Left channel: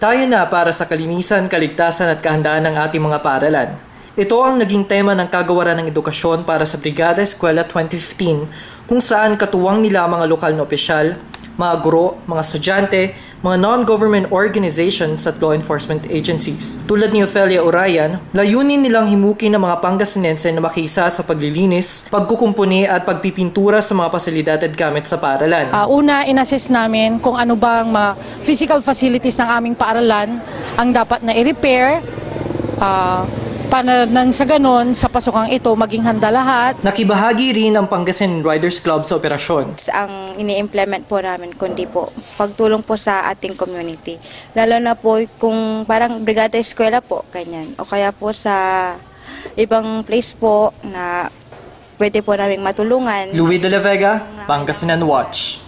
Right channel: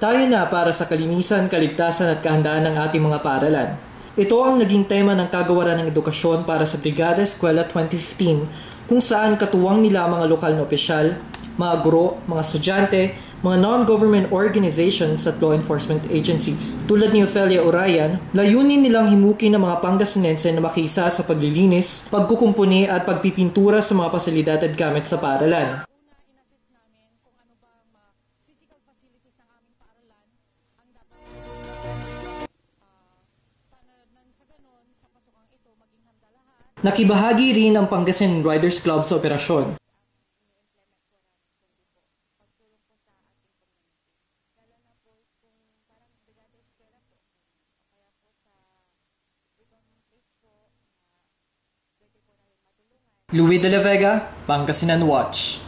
Tayo na para sa kalinisan, kaligtasan at kahandaan ng ating mga paaralan. Ito ang naging tema ng Kagawaran ng Edukasyon para sa Brigada Eskwela 2015 kung saan katuwang nila mga lokal na opisyal, mga guro, mga estudyante, mga non-government organizations at law enforcement agencies. Tulad ni Ofelia Orayan, layunin nilang himukin ng mga Pangasinense na makisa sa paglilinis, pagkukumpuni at pagpipintura sa mga pasilidad at gamit sa paaralan. Una, inassess namin kung ano bang mga physical facilities ng aming paaralan ang dapat na i-repair, para nang sa ganon, sa pasukang ito, maging handa lahat. Nakibahagi rin ang Pangasinan Riders Club sa operasyon. Ang ini-implement po namin, kundi po pagtulong po sa ating community. Lalo na po kung parang brigada eskwela po, ganyan. O kaya po sa ibang place po na pwede po namin matulungan. Louie de la Vega, Pangasinan Watch.